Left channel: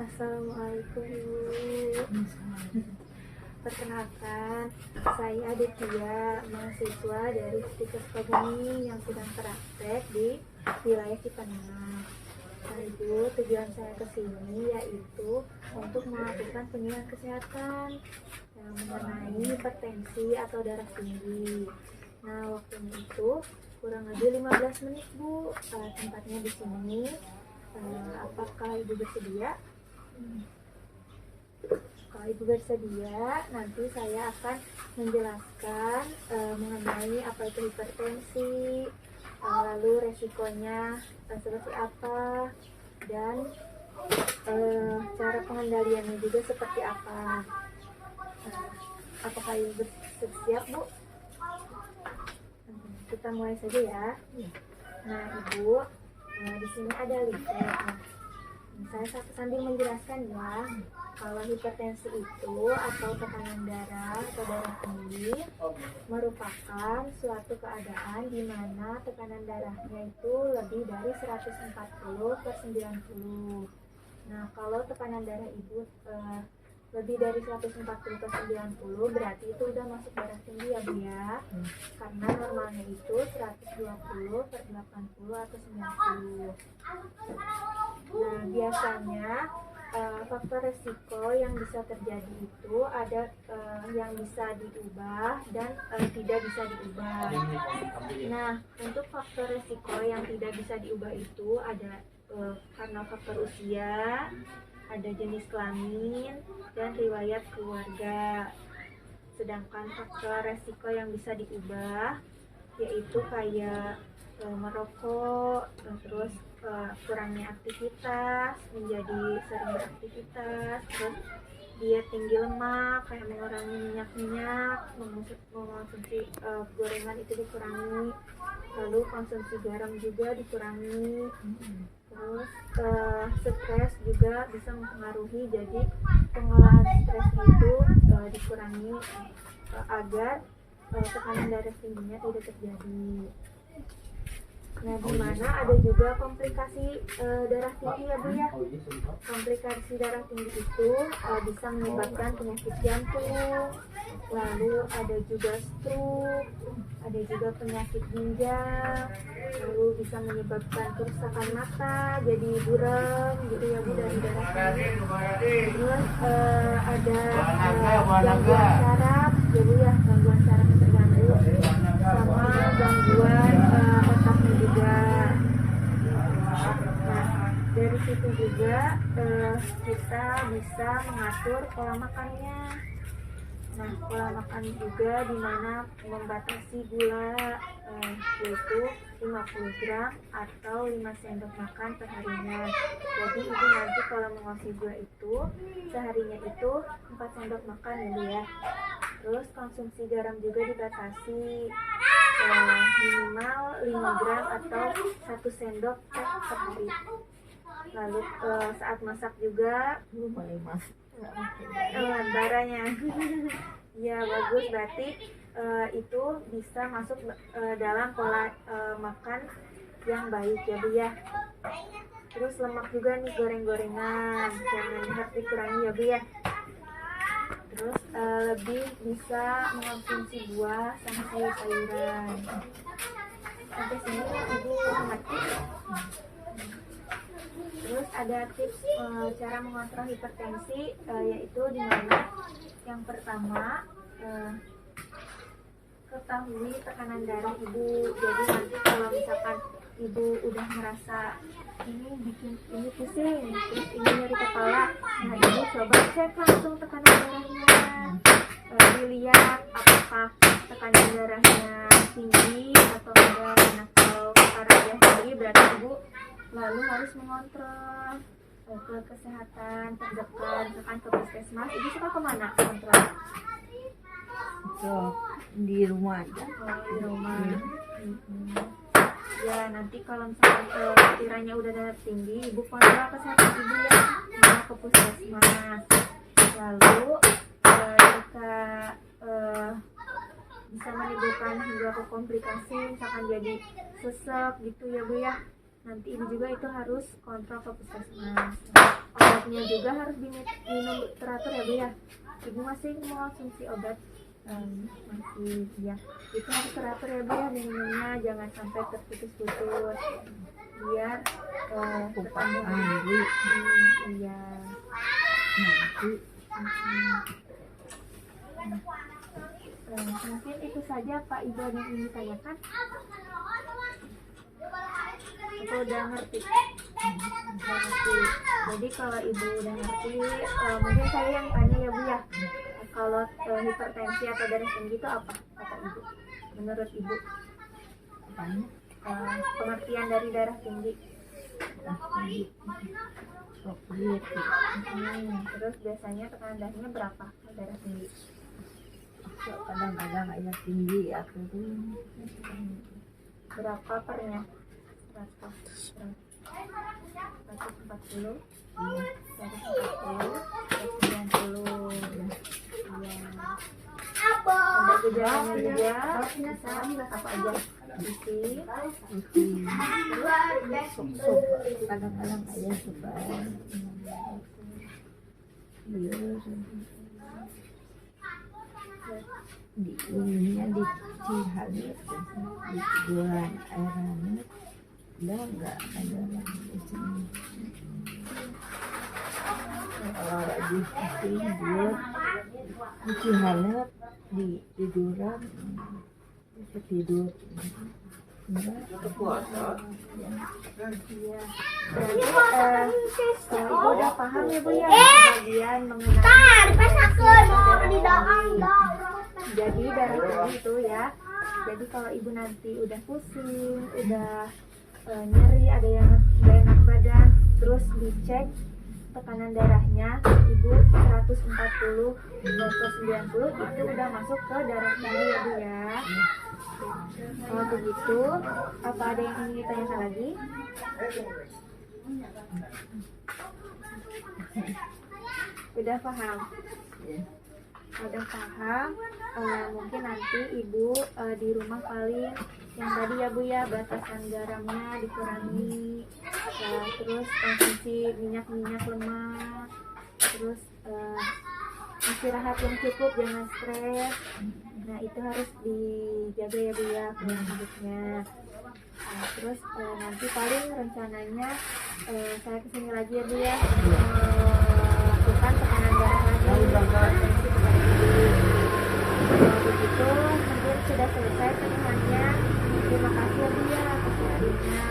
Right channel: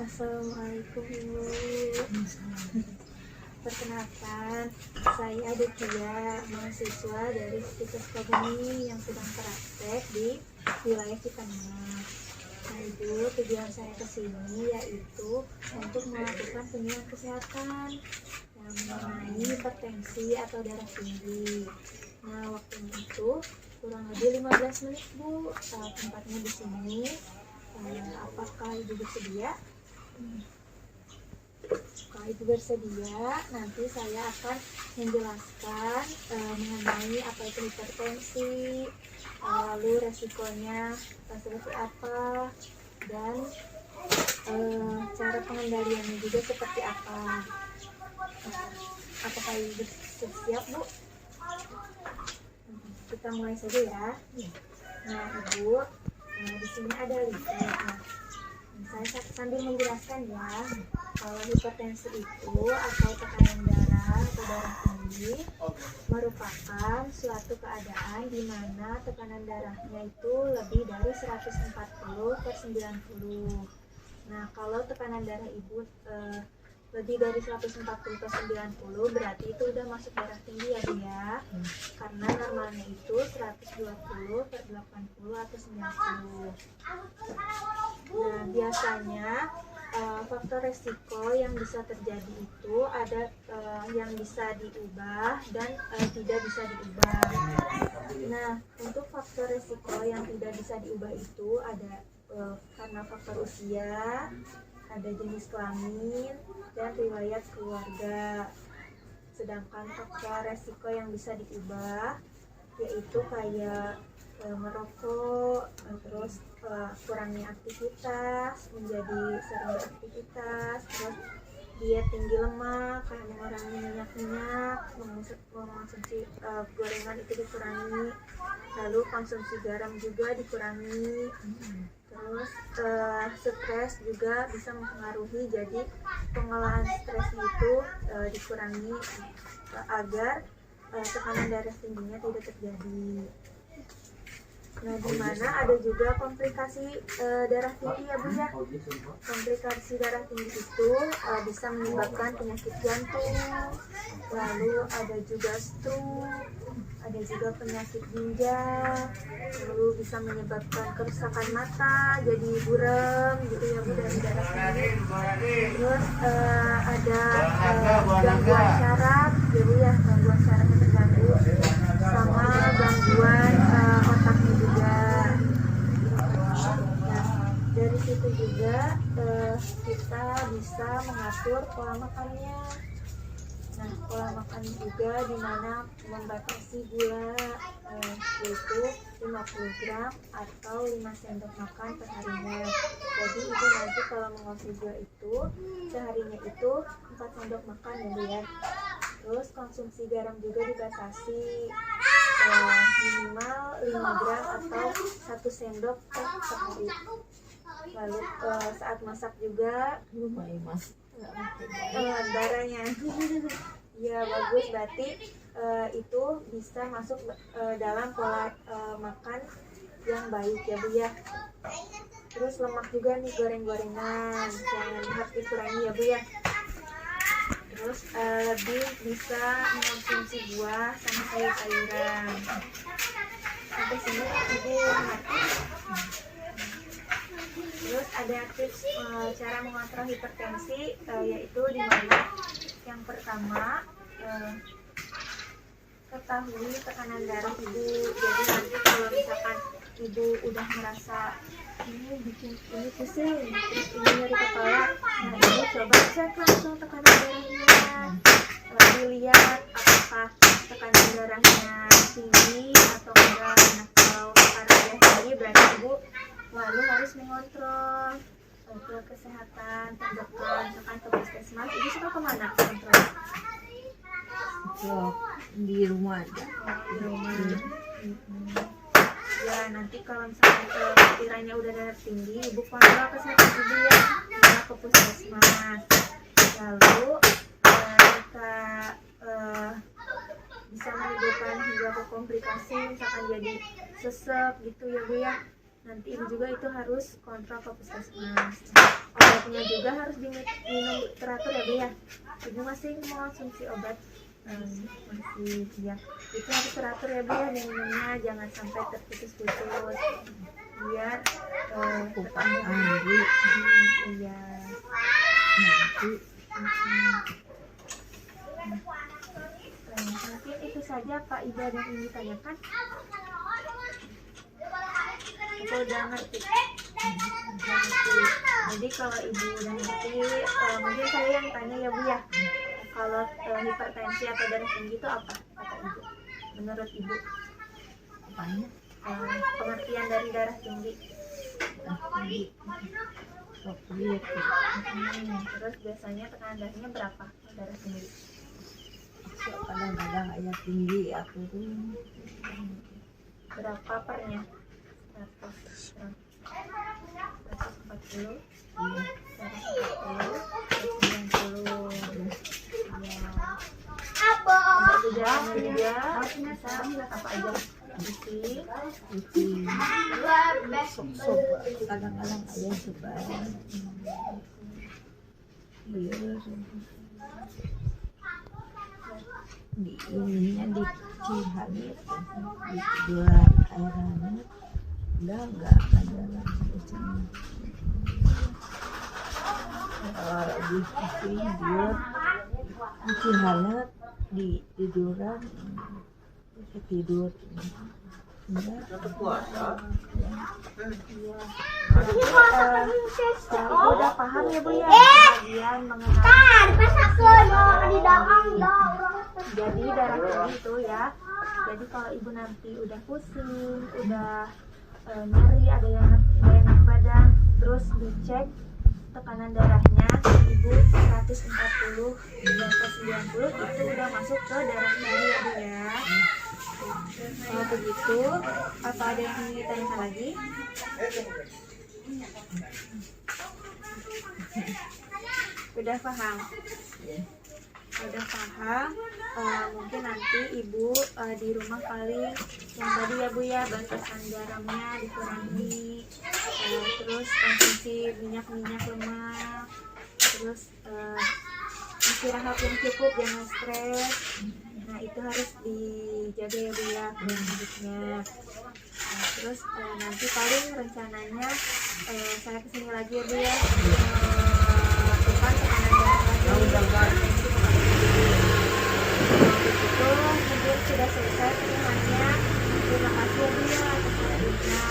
Assalamualaikum Ibu. Perkenalkan, saya Aditya, mahasiswa dari Stikes Kogani yang sedang praktek di wilayah Cipanengan. Nah Ibu, tujuan saya ke sini yaitu untuk melakukan penilaian kesehatan mengenai hipertensi atau darah tinggi. Nah waktunya itu kurang lebih 15 menit Bu. Tempatnya di sini. Apakah Ibu bersedia? Kalau Ibu bersedia, nanti saya akan menjelaskan mengenai apa itu hipertensi, lalu resikonya seperti apa, dan cara pengendaliannya juga seperti apa. Apakah Ibu bersiap, Bu? Kita mulai saja ya. Nah, Ibu, di sini ada leaflet. Saya sambil menjelaskan ya, kalau hipertensi itu atau tekanan darah atau darah tinggi merupakan suatu keadaan di mana tekanan darahnya itu lebih dari 140/90. Nah, kalau tekanan darah Ibu lebih dari 140/90 berarti itu udah masuk darah tinggi ya Bu ya. Karena normalnya itu 120/80 atau 90. Nah, biasanya faktor resiko yang bisa terjadi itu ada yang bisa diubah dan tidak bisa diubah. Nah, untuk faktor resiko yang tidak bisa diubah itu ada karena faktor usia, ada jenis kelamin, dan riwayat keluarga. Sedangkan faktor resiko yang bisa diubah yaitu kayak merokok, terus kurangnya aktivitas, menjadi sering beraktivitas, terus diet tinggi lemak, kayak mengurangi minyak-minyak, mengonsumsi gorengan itu dikurangi, lalu konsumsi garam juga dikurangi, terus stres juga bisa mempengaruhi, jadi pengolahan stresnya itu dikurangi agar tekanan darah tingginya tidak terjadi. Nah, di mana ada juga komplikasi darah tinggi ya Bu ya. Komplikasi darah tinggi itu bisa menyebabkan penyakit jantung, lalu ada juga stroke, ada juga penyakit ginjal, lalu bisa menyebabkan kerusakan mata, jadi buram gitu ya Bu dari darah tinggi. Terus ada gangguan saraf ya Bu ya, gangguan sarafnya terganggu, sama gangguan otaknya juga. Nah, dari situ juga kita bisa mengatur pola makannya. Nah, pola makan juga dimana membatasi gula, yaitu 50 gram atau 5 sendok makan per harinya. Jadi Ibu nanti kalau mengonsumsi gula itu seharinya itu 4 sendok makan ya Bu ya. Terus konsumsi garam juga dibatasi minimal 5 gram atau 1 sendok teh per hari. Lalu saat masak juga baranya ya bagus, berarti itu bisa masuk dalam pola makan yang baik ya Bu ya. Terus lemak juga nih, goreng-gorengan jangan, harus dikurangi ya Bu ya. Terus lebih bisa mengonsumsi buah sama sayur-sayuran. Sampai sini Ibu mengerti? Terus ada tips cara mengontrol hipertensi, yaitu dimana yang pertama ketahui tekanan darah Ibu. Jadi nanti kalau misalkan Ibu udah merasa ini bikin ini pusing, terus ini nyeri kepala, nah Ibu coba cek langsung tekanan darahnya, dilihat apakah tekanan darahnya tinggi atau enggak. Nah kalau karena dia tinggi berarti Ibu lalu harus mengontrol ke kesehatan terdekat, misalkan ke puskesmas. Ibu suka kemana kontrol? Di rumah aja. Di rumah. Ya nanti kalau misalkan kiranya udah darah tinggi, Ibu kontrol kesehatan Ibu ya, ke puskesmas. Lalu jika bisa menimbulkan hingga ke komplikasi, misalkan jadi sesek gitu ya Bu ya, nanti ibu juga itu harus kontrol ke puskesmas. Obatnya juga harus diminum teratur ya Bu ya. Ibu masih mau konsumsi obat masih ya, itu harus teratur ya Bu ya minumnya, jangan sampai terputus-putus biar Bukan Andri iya. nanti Mungkin itu saja Pak Ibu yang ingin ditanyakan. Aku udah ngerti. Jadi kalau ibu udah ngerti, mungkin saya yang tanya ya Bu ya. Kalau hipertensi atau darah tinggi itu apa kata ibu? Menurut ibu apanya pengertian dari darah tinggi. sok lihat tuh. Terus biasanya tekanan darahnya berapa darah tinggi? Sok kadang-kadang ayah tinggi aku tuh Berapa pernya? 140, 140, 190. Iya. Ada gejalanya juga, bisa apa aja? Pusing, sok kadang-kadang ayah sebab iya di ininya di Cihanit di bulan air hangat udah enggak ada lagi di sini. Kalau lagi pusing dia di Cihanit di tiduran bisa tidur enggak iya. Berarti ibu udah paham ya Bu ya bagian mengenai jadi darah tinggi itu ya. Jadi kalau ibu nanti udah pusing, udah nyeri, ada yang gak enak badan, terus dicek tekanan darahnya ibu 140 90 itu udah masuk ke darah tinggi ya Bu ya. Kalau begitu, apa ada yang ingin ditanyakan lagi? Udah paham? Udah paham. Mungkin nanti ibu di rumah paling yang tadi ya Bu ya, batasan garamnya dikurangi, terus konsumsi minyak-minyak lemak, terus istirahat yang cukup, jangan stres. Nah itu harus dijaga ya Bu ya pola hidupnya. Terus nanti paling rencananya saya kesini lagi ya Bu ya, melakukan tekanan darah lagi. Kalau begitu mungkin sudah selesai semuanya. Terima kasih ya Bu ya atas waktunya.